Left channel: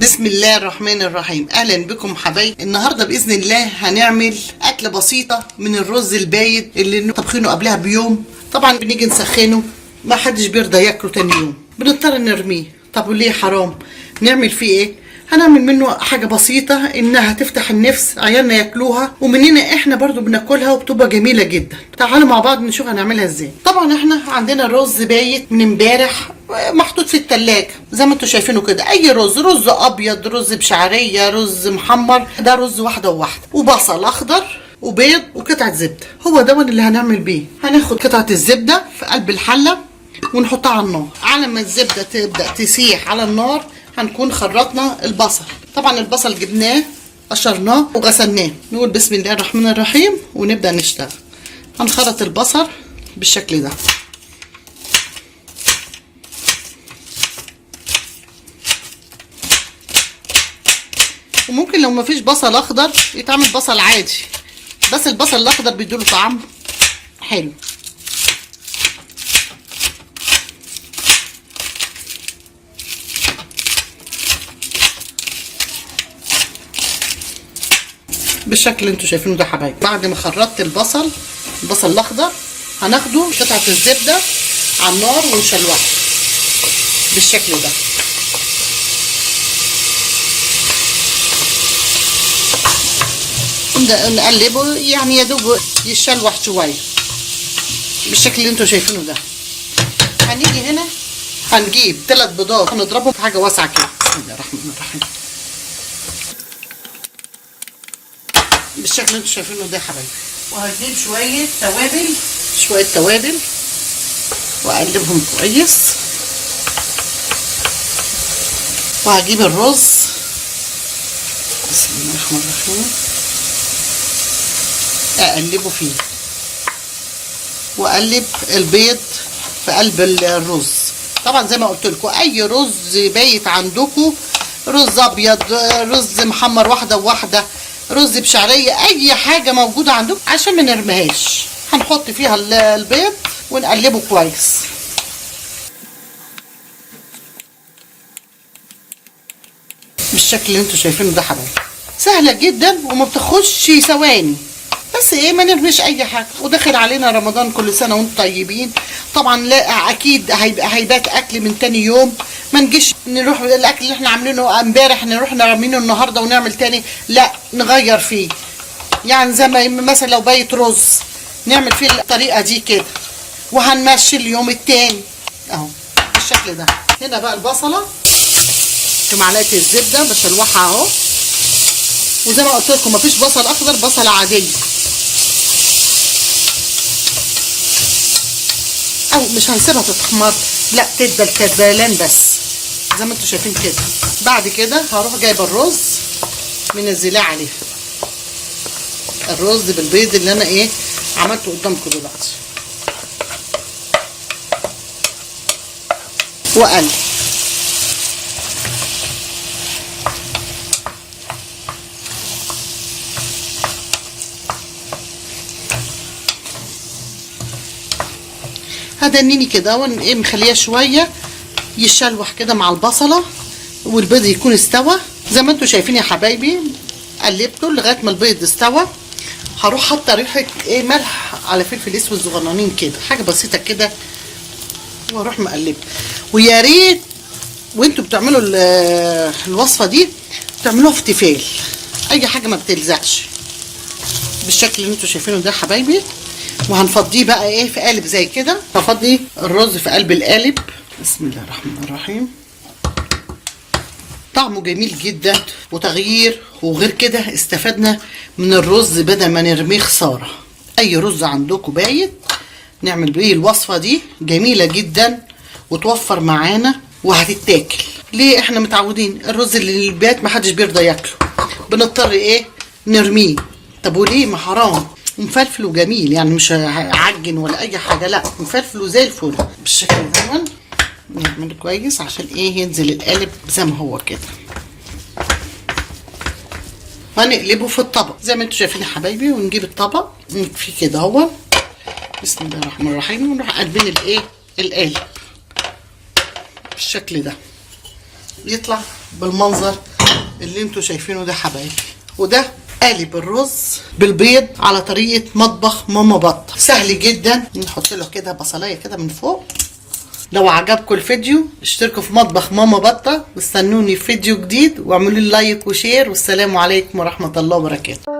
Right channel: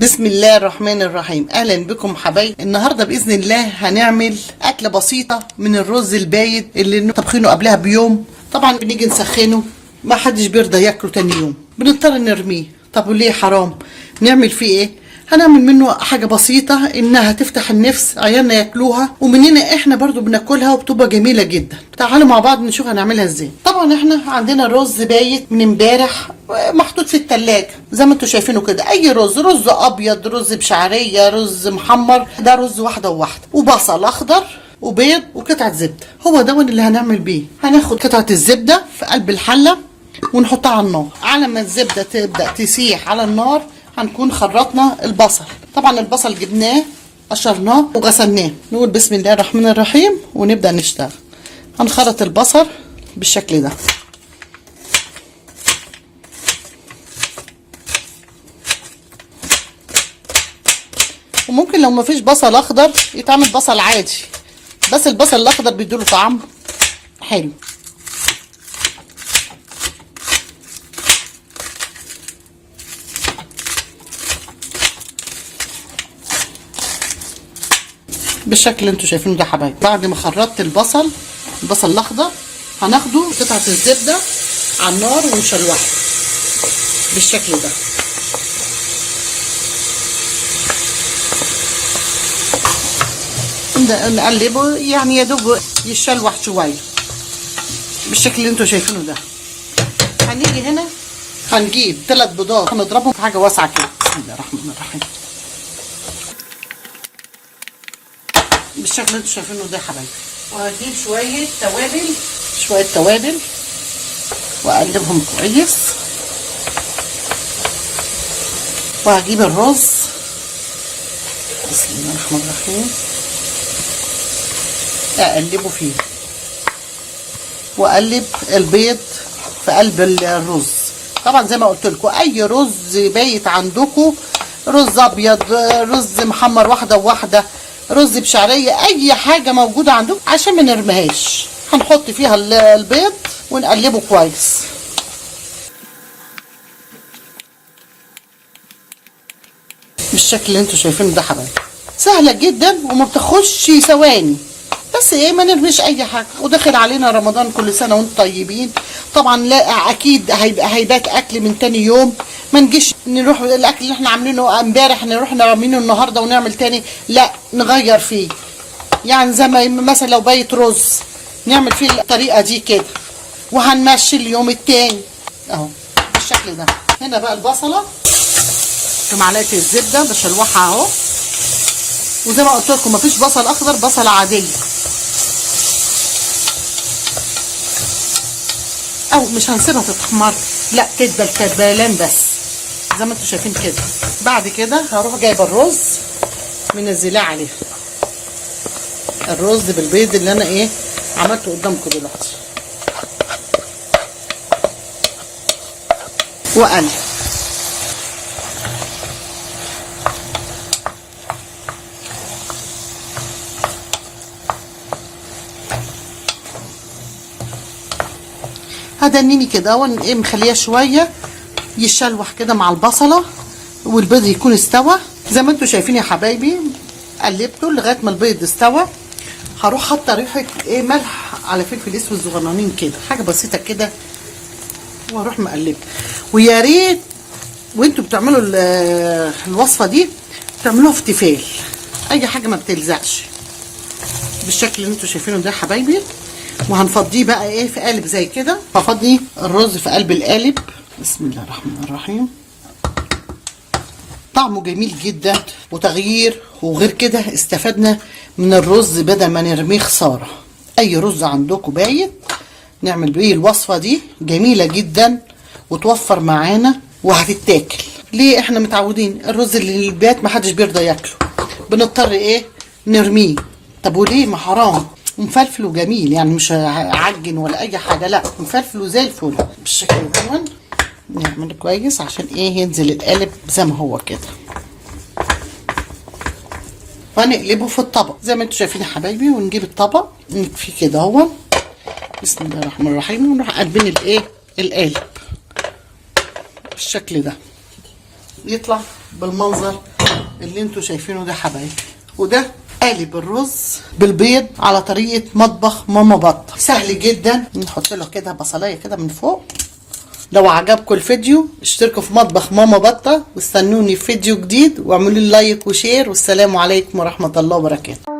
بسم الله الرحمن الرحيم. اهلا بكم حبايب. النهارده باذن الله هنعمل اكله بسيطه من الرز البايت اللي طبخينه قبلها بيوم. طبعا بنيجي نسخنه، ما حدش بيرضى ياكله تاني يوم، بنضطر نرميه. طب وليه؟ حرام. نعمل فيه ايه؟ هنعمل منه حاجه بسيطه انها تفتح النفس، عيالنا ياكلوها ومننا احنا برضو بناكلها وبتبقى جميله جدا. تعالوا مع بعض نشوف هنعملها ازاي. طبعا احنا عندنا الرز بايت من امبارح محطوط في التلاجة زي ما انتوا شايفينه كده. اي رز ابيض، رز بشعريه، رز محمر، ده رز واحده وواحده، وبصل اخضر وبيض وقطعه زبده. هو ده اللي هنعمل بيه. هناخد قطعه الزبده في قلب الحله ونحطها على النار. على ما الزبده تبدا تسيح على النار هنكون خرطنا البصل. طبعا البصل جبناه قشرناه وغسلناه. نقول بسم الله الرحمن الرحيم ونبدا نشتغل. هنخرط البصل بالشكل ده. وممكن لو مفيش بصل اخضر يتعمل بصل عادي، بس البصل الاخضر بيديله طعم حلو. بالشكل اللي انتوا شايفينه ده حبايبي. بعد ما خرطت البصل الاخضر هناخده قطعه الزبده على النار ونشوحه بالشكل ده. نقلبه يعني يا دوب يشلوح شويه بالشكل اللي انتوا شايفينه ده. هنيجي هنا هنجيب 3 بيضات هنضربهم في حاجه واسعه كده. بسم الله الرحمن الرحيم. بالشكل اللي انتوا شايفينه ده يا حبايبي. وهجيب شويه توابل واقلبهم كويس. وهجيب الرز بسم الله الرحمن الرحيم اقلبه فيه، واقلب البيض في قلب الرز. طبعا زي ما قلت لكم اي رز بايت عندكم، رز ابيض، رز محمر واحده وواحده، رز بشعريه، اي حاجه موجوده عندكم عشان ما نرميهاش. هنحط فيها البيض ونقلبه كويس. بالشكل اللي انتوا شايفينه ده حبايبي. سهله جدا وما بتاخدش ثواني، بس ايه ما نرميش اي حاجه. وداخل علينا رمضان، كل سنه وانتم طيبين. طبعا لا اكيد هيبات اكل من تاني يوم. ما نجيش نروح الاكل اللي احنا عاملينه امبارح نروح نرمينه النهارده ونعمل تاني، لا نغير فيه. يعني زي ما مثلا لو بايت رز نعمل فيه الطريقه دي كده، وهنمشي اليوم التاني اهو بالشكل ده. هنا بقى البصله في معلقه الزبده بشلوحها اهو. وزي ما قلت لكم مفيش بصل اخضر، بصله عاديه او مش هنسيبها تتحمر، لا تدي الكدلان بس زي ما انتوا شايفين كده. بعد كده هروح جايبه الرز منزلاه عليه، الرز بالبيض اللي انا ايه عملته قدامكم دلوقتي، واقلب. هدنيني كده ايه مخليه شويه يشلوح كده مع البصله والبيض يكون استوى زي ما انتوا شايفين يا حبايبي. قلبته لغايه ما البيض استوى. هروح حاطه ريحه ايه ملح على فلفل اسود صغننين كده، حاجه بسيطه كده، واروح مقلبه. ويا ريت وانتوا بتعملوا الوصفه دي تعملوها في تيفال، اي حاجه ما بتلزقش بالشكل اللي انتوا شايفينه ده حبايبي. وهنفضيه بقى ايه في قالب زي كده. هفضي الرز في قلب القالب. بسم الله الرحمن الرحيم. طعمه جميل جدا وتغيير، وغير كده استفدنا من الرز بدل ما نرميه خساره. اي رز عندكم بايت نعمل بيه الوصفه دي، جميله جدا وتوفر معانا وهتتاكل. ليه؟ احنا متعودين الرز اللي البيت محدش بيرضى ياكله، بنضطر ايه نرميه. طب وليه؟ ما حرام. ومفلفل وجميل، يعني مش عجن ولا اي حاجه، لا مفلفل وزي الفل بالشكل ده. نعمل كويس عشان ايه ينزل القالب زي ما هو كده. وهنقلبه في الطبق زي ما انتوا شايفين يا حبايبي. ونجيب الطبق نكفيه كده اهو. بسم الله الرحمن الرحيم. ونروح قلبين الايه القالب بالشكل ده. يطلع بالمنظر اللي انتوا شايفينه ده حبايبي. وده قالب الرز بالبيض على طريقة مطبخ ماما بطة، سهل جدا. نحط له كده بصلاية كده من فوق. لو عجبكم الفيديو اشتركوا في مطبخ ماما بطة واستنوني في فيديو جديد، واعملوا لي لايك وشير، والسلام عليكم ورحمة الله وبركاته.